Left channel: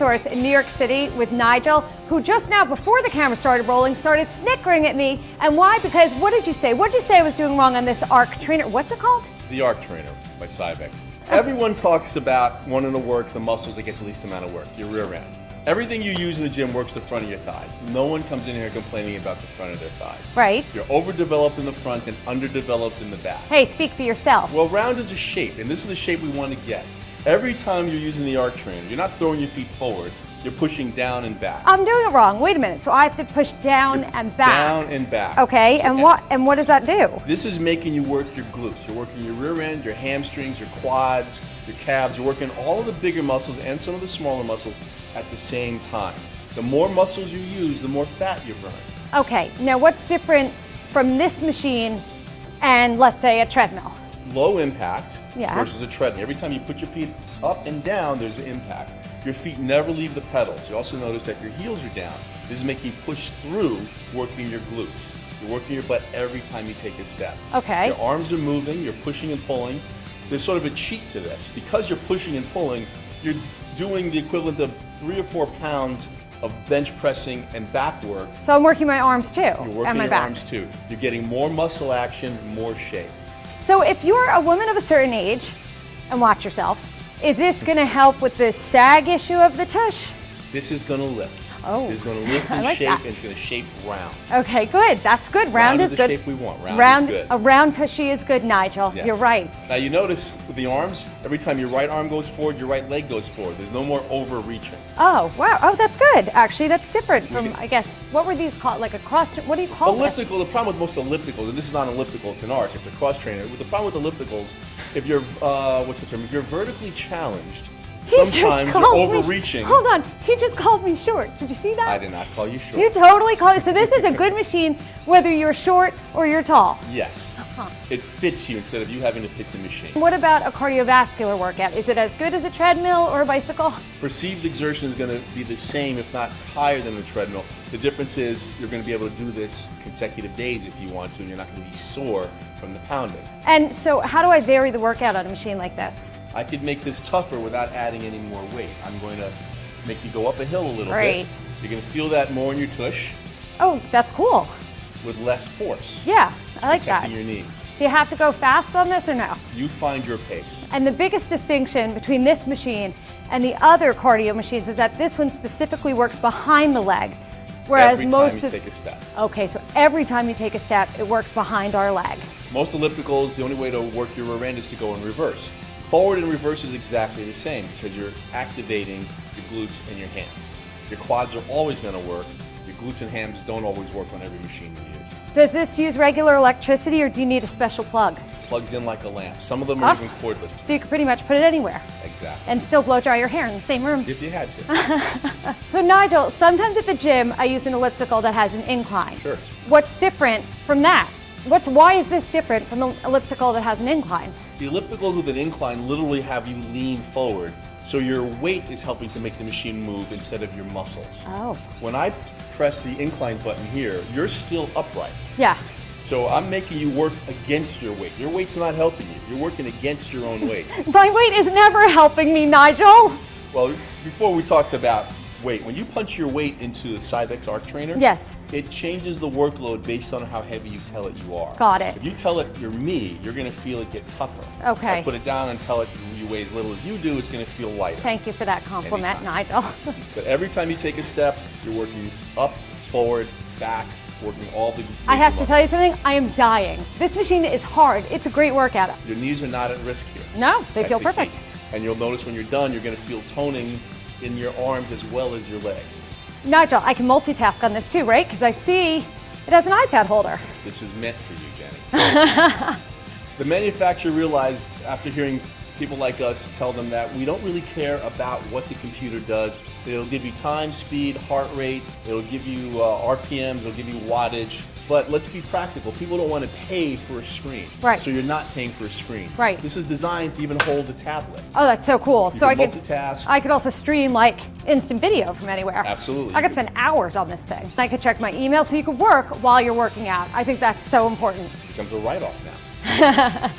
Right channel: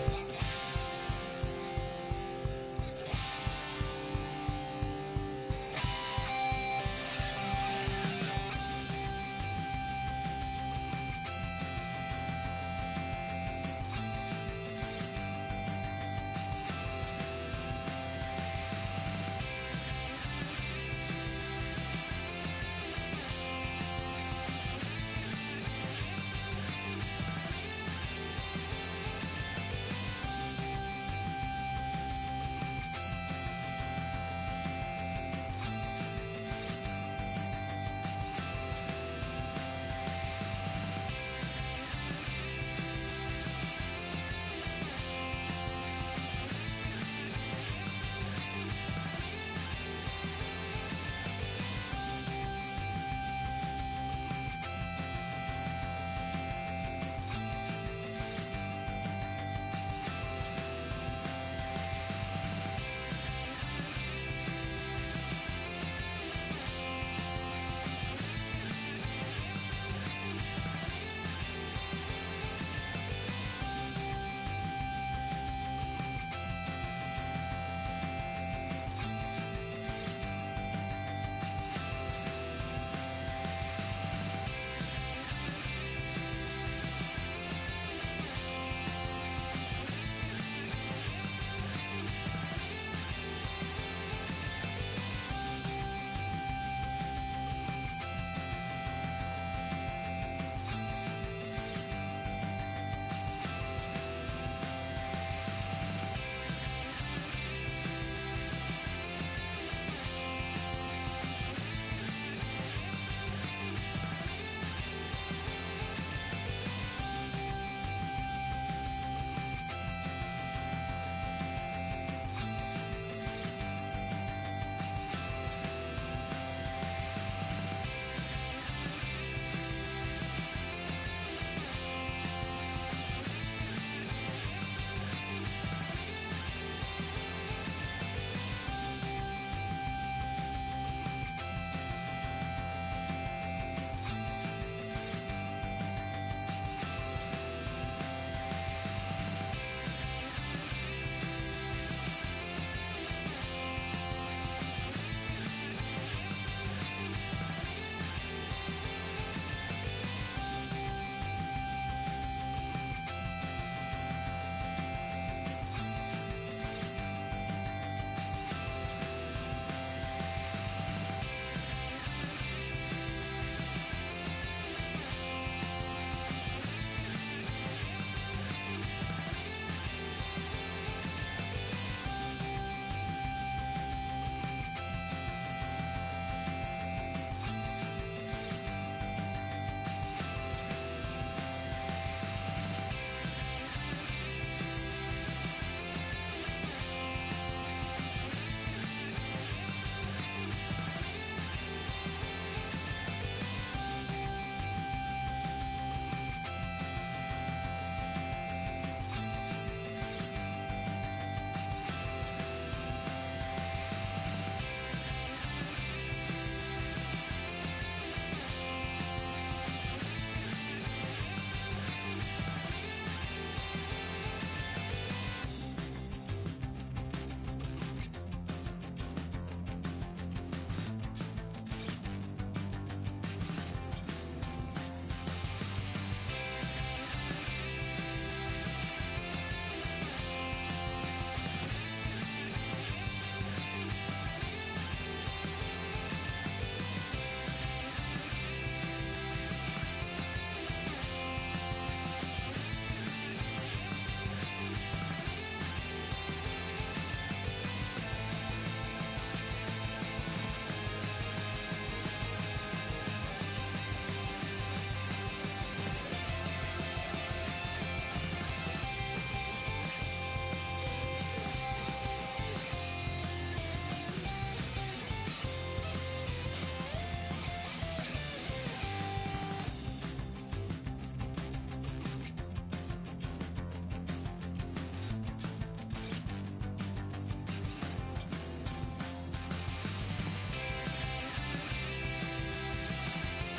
Source in New York City with Nigel, who just now, before the camera started rolling, started snickering at me. And why? Because what did you say? What did you say I was doing wrong on this ARC trainer? What's it called? The ARC trainer by Cybex. Everyone talks about wanting to work the muscles that get the least amount of work, your rear end. Everything you use in the gym works the front of your thighs. No one comes in here complaining about the front of their thighs. Right. You're overdeveloped in the front and underdeveloped in the back. Hey, speak for yourself. Well, round is a shape, and this is the shape we want to get. Every time you're using the ARC trainer, you're not throwing your feet forward, you're pushing down and back. I'm doing it wrong. Wait a minute. So I have to push down and back. Down and back. Okay, and what does that do? This is making you work your glutes. You're working your rear end, your hamstrings, your quads, your calves. You're working all of the bigger muscles and some of the smaller muscles at the same time. The more muscles you use, the more fat you burn. Okay, now what's different from this machine and, let's say, a treadmill? Low impact Yeah. versus a treadmill. Every time you put your feet up and down, there's an impact. Your feet never leave the pedals. You also notice that your heels are down. This is making you push through working your glutes. You're working your butt every time you take a step. Okay. Your arms are moving, you're pushing and pulling. There's sort of a cheat to this. Because you're pushing and pulling, you're doing the equivalent of 3 or 4 pounds of bench pressing and back work. So I'm working my arms too, You're working and my your back. arms too. You're getting more muscle action, more shape. So if you're a woman of a certain age, and watch yourself, is this going to help with the sag issue of the tush? This is going to lift. Oh, It's going to lift I and like shape, that. and it's going to shape round. Okay, good. That's good. Round is the good. shape we want. Round is good. A round tushy is good, Nigel. Yes. You're right. Now you notice with the arms, every time your right arm goes forward, your right leg goes forward. There's no more overreaching. Oh, wow. Oh, that's good. Actually, that's different from, I guess, what were these called? Like a cross, what do you call this? Elliptical, the problem with most ellipticals, and this is not an elliptical, it's an arc, it's a cross trainer. The problem with ellipticals, if you're, what's the term? If you're vertically challenged, sometimes you're overreaching. Hold on, he just called me short. Did you see that? I did not call you short. You totally called. So this is a good machine, whether you're short or you're tall. Yes. It fits you instead of you having to fit the machine. What about a cardiovascular workout? Is it as good as a treadmill or a bicycle? Perceived exertion is going to be the same, if not higher than the treadmill. The difference is you're going to be able to do this consecutive days if you want to, and you're not going to be sore from the pounding. And so how do I vary the workout on a machine like this? I could make this tougher without adding any more weight. I'm going to make you go up a hill a little Great. bit. You're going to feel that more in your tush Oh, that's cool. with less force. Yeah, I like that. Protecting your knees. Do you have to go fast on this or no? You find your pace. And the biggest distinction between this machine and the other cardio machines is that this one specifically works behind the leg, whereas Every most time you of take a step. Okay, so every time you take a step, it works behind our leg. Most ellipticals, the only way to work your rear end is to go in reverse. Forward and reverse is exactly the same because you're activating your glutes and your hams. Your quads are always going to work. Your glutes and hams don't always work on every machine you use. Does this use regular electricity or do you need a special plug? Plugs in like a lamp. Some of them are even cordless. So you can pretty much put it anywhere Exactly. and still blow dry your hair in the same room. If you had to. So Nigel, sometimes at the gym I use an elliptical that has an incline. Sure. What's different from that? Why is this different from the elliptical that has an incline? The ellipticals with an incline literally have you lean forward, so your weight is helping to make the machine move instead of your muscles. Oh. When I press the incline button here, you're still upright. Yeah. So I'm making you work against your weight. Your weight's not helping you. You're working against your own weight. My weight is never helping me, Nigel. Well, before we talked about weight, when you punch your weight into the Cybex ARC trainer, Yes. it changes the workload based on how heavy you tell it you are. Got it. If you tell it you're me, you're going to feel it get tougher. Okay. If I put it down and tell it you weigh as little as you do, it's going to feel lighter. Thank you for that compliment, Nigel. But every time you take a step, you're working up, forward, back, working all the I have to tell you something, I am dying. This machine is hard. It's a great workout. Your knees are not at risk here. No, they That's feel the perfect. key. And you'll notice when you're done, you're going to feel toning in your arms as well as your legs. Nigel, I can multitask on this too, right? Because I see it has an iPad holder. This is meant for you, Jen. The manufacturer realized after hearing people like us tell them that we don't really care about what the computer does. It'll give you time, speed, heart rate, it'll give you RPMs, it'll give you wattage, but let's be practical. People don't want to pay for a screen. Right. So you're not paying for a screen. Right. This is designed to even hold a tablet. Oh, that's so cool. So I can could multitask. I could also stream like instant video from anywhere. Absolutely. I could spend hours on this thing. I could check my email so you could work while you're working out. I think that's so important. Becomes a write-off now.